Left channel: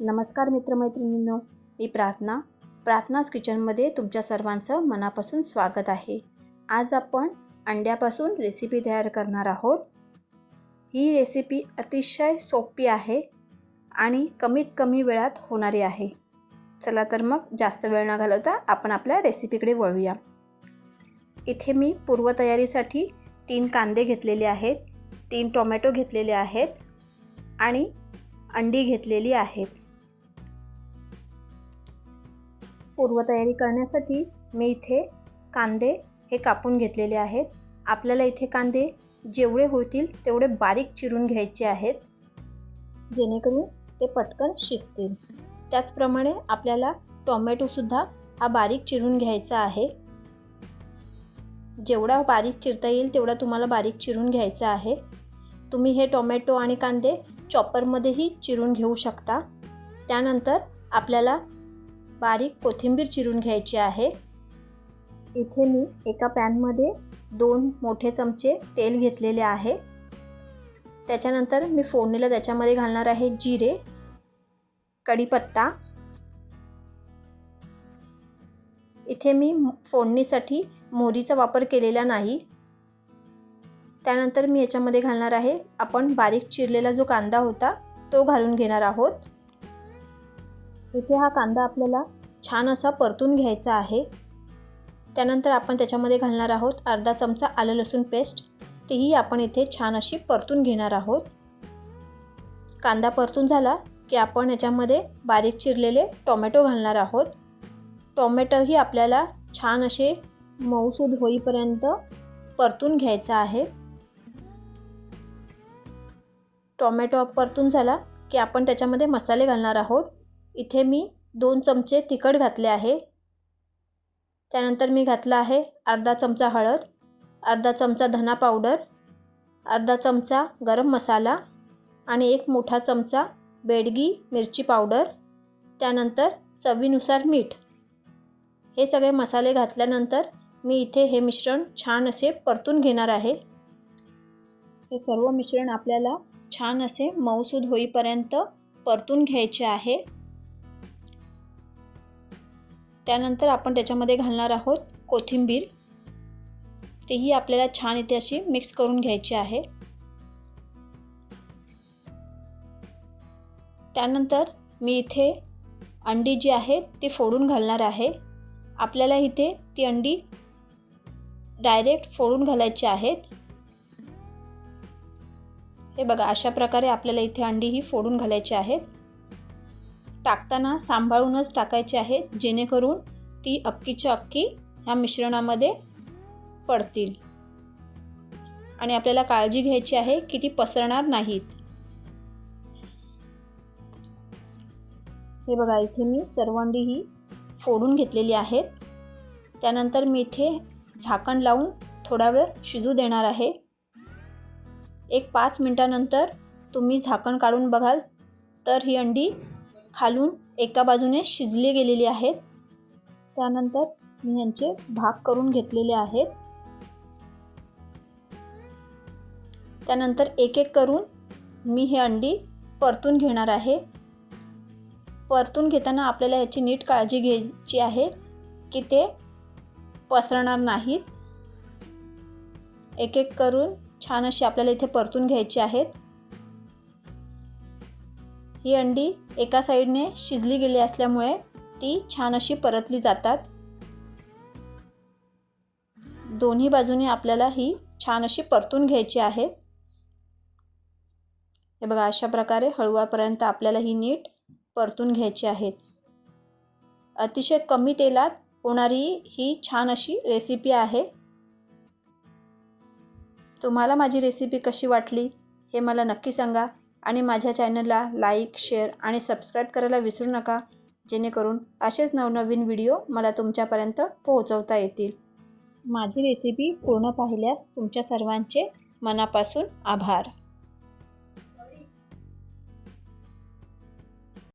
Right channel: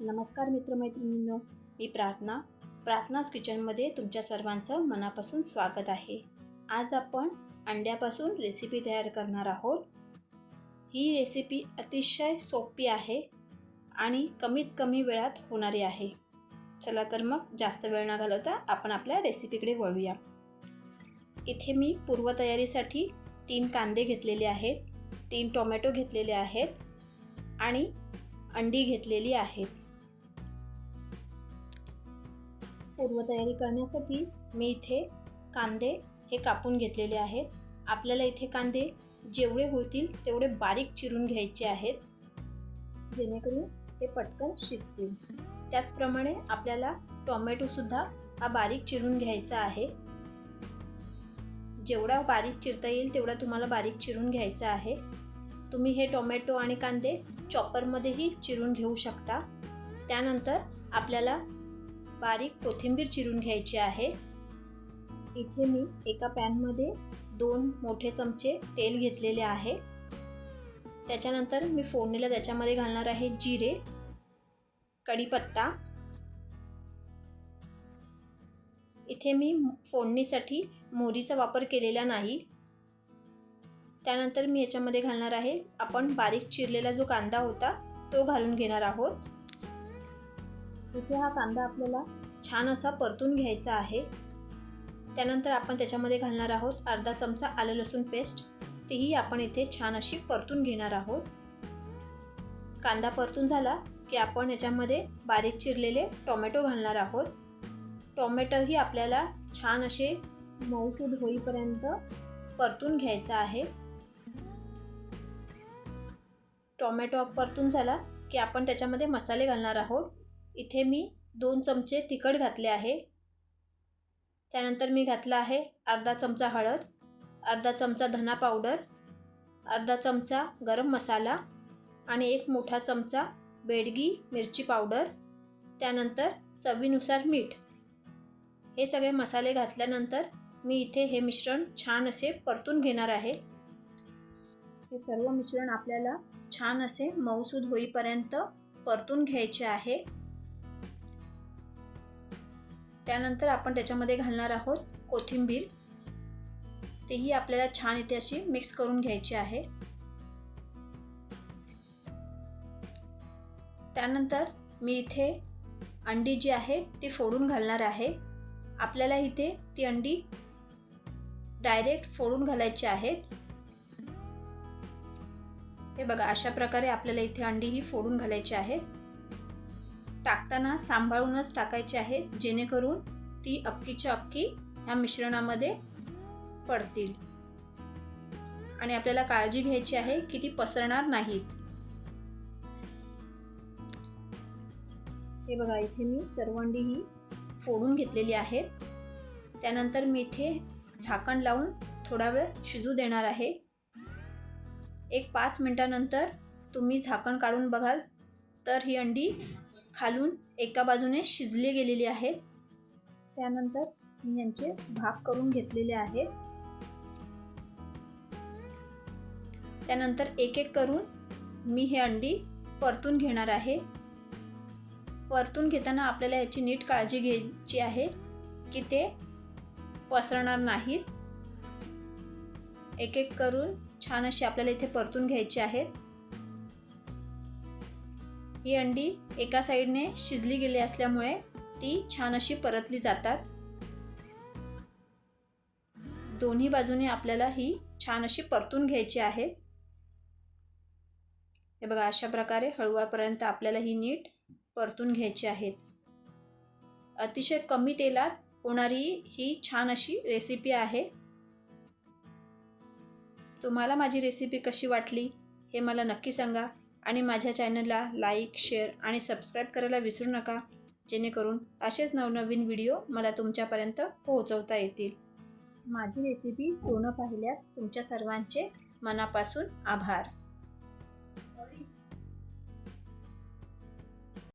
नमस्कार मित्रमैत्रिणींनो मी प्रार्थना प्रार्थनाच किचनमध्ये तुमच्या सर्वांचं मनापासून स्वागत आहे. आज आपण अंड्यापासून रेसिपी तयार करणार आहोत. ही रेसिपी अतिशय सोपी आहे आणि कमीत कमी वेळात होणारी आहे. चला तर मग जास्त वेळ न घालवता आपण आपल्या रेसिपीकडे वळूया. इथे मी पूर्वतयारीसाठी तीन कांदे घेतलेले आहेत तीन टोमॅटो घेतलेले आहेत आणि अंडी घेतलेली आहेत. पूर्वतयारी करण्यासाठी मी इथे कांदे हे कापून घेतलेले आहेत. आपल्याला इथे कांदे जेवढे होतील तेवढे बारीक चिरून घ्यायचे आहेत. जेणेकरून ते पटकन शिजतील. त्याचप्रमाणे आपल्याला टोमॅटोसुद्धा हा बारीक चिरून घ्यायचा आहे. जेवढा बारीक चिरता येईल तेवढा तुम्हाला बारीक चिरून घ्यायचा आहे. तुम्ही हे टोमॅटो आणि कांदे चॉपरमध्येही चिरून घेऊ शकता. त्यानंतर आपल्याला बारीक कोथिंबीर चिरून घ्यायची आहे. इथे मी एका पॅनमध्ये दोन मोठे चमचे तेल घेतलेले आहे. त्याच्यानंतर मी फोडणीला त्याच्यामध्ये घालणार आहे जिरे कढीपत्ता. इथे मी फोडणीसाठी मोहरीचा वापर केलेला नाही. त्यानंतर मी याच्यामध्ये घालणार आहे आपण बारीक चिरलेला जो कांदा होता तो घालून घेणार आहोत. इथे हा कांदा आपल्याला छान असा परतून घ्यायचा आहे. त्यानंतर आपण त्याच्यामध्ये घालणार आहोत अर्धा चमचा आलं लसूण पेस्ट. तीही आपण इथे छान अशी परतून घेणार आहोत. कांदा परतून झाला की आपण याच्यामध्ये बारीक चिरलेले टोमॅटो घालणार आहोत. टोमॅटोही आपल्याला छान असे मऊसूद होईपर्यंत परतून घ्यायचा आहे. टोमॅटो परतून झाला की आपण त्याच्यामध्ये मसाले घालणार आहोत. इथे मी दोन चमचे तिखट घातले आहे. त्यानंतर मी घातला आहे अर्धा चमचा हळद अर्धा चमचा धना पावडर अर्धा चमचा गरम मसाला आणि एक मोठा चमचा बेडगी मिरची पावडर त्यानंतर चवीनुसार मीठ. हे सगळे मसाले घातल्यानंतर मी इथे हे मिश्रण छान असे परतून घेणार आहे. हे सर्व मिश्रण आपल्याला छान असे मऊसूद होईपर्यंत परतून घ्यायचे आहे. त्यानंतर आपण त्याच्यामध्ये घालणार आहोत कोथिंबीर. तेही आपल्याला छान इथे अशी मिक्स करून घ्यायची आहे. त्यानंतर मी इथे अंडी जी आहे ती फोडून घालणार आहे. आपल्याला इथे ती अंडी डायरेक्ट फोडून घालायची आहेत. हे बघा अशा प्रकारे आपल्याला इथे अंडी ही फोडून घालायची आहेत. टाकताना सांभाळूनच टाकायचे आहेत जेणेकरून ती अक्कीच्या अक्की ह्या मिश्रणामध्ये पडतील. आणि आपल्याला काळजी घ्यायची आहे की ती पसरणार नाहीत. हे बघा इथे मी सर्व अंडी ही फोडून घेतलेली आहेत. त्यानंतर मी इथे झाकण लावून थोडा वेळ शिजू देणार आहे. एक पाच मिनटानंतर तुम्ही झाकण काढून बघाल तर ही अंडी खालून एका बाजूने शिजले गेलेली आहेत. त्यानंतर मी यांचे भाग करून घेतलेले आहेत. त्यानंतर एक एक करून मी हे अंडी परतून घेणार आहे. परतून घेताना आपल्याला याची नीट काळजी घ्यायची आहे की ते पसरणार नाहीत. एक एक करून छान अशी आपल्याला इथे परतून घ्यायची आहेत. ही अंडी एका साईडने शिजली गेली असल्यामुळे ती छान अशी परतली जातात. दोन्ही बाजूने आपल्याला ही छान अशी परतून घ्यायची आहे. हे बघा अशा प्रकारे हळवापर्यंत आपल्याला ही नीट परतून घ्यायची आहेत अतिशय कमी तेलात होणारी ही छान अशी रेसिपी आहे. तुम्हाला माझी रेसिपी कशी वाटली हे मला नक्की सांगा. आणि माझ्या चॅनलला लाईक शेअर आणि सबस्क्राईब करायला विसरू नका. जेणेकरून असेच नवनवीन व्हिडिओ मला तुमच्यापर्यंत पोहोचवता येतील. माझी रेसिपी पूर्ण पाहिल्यास तुमच्या सर्वांचे मनापासून आभार.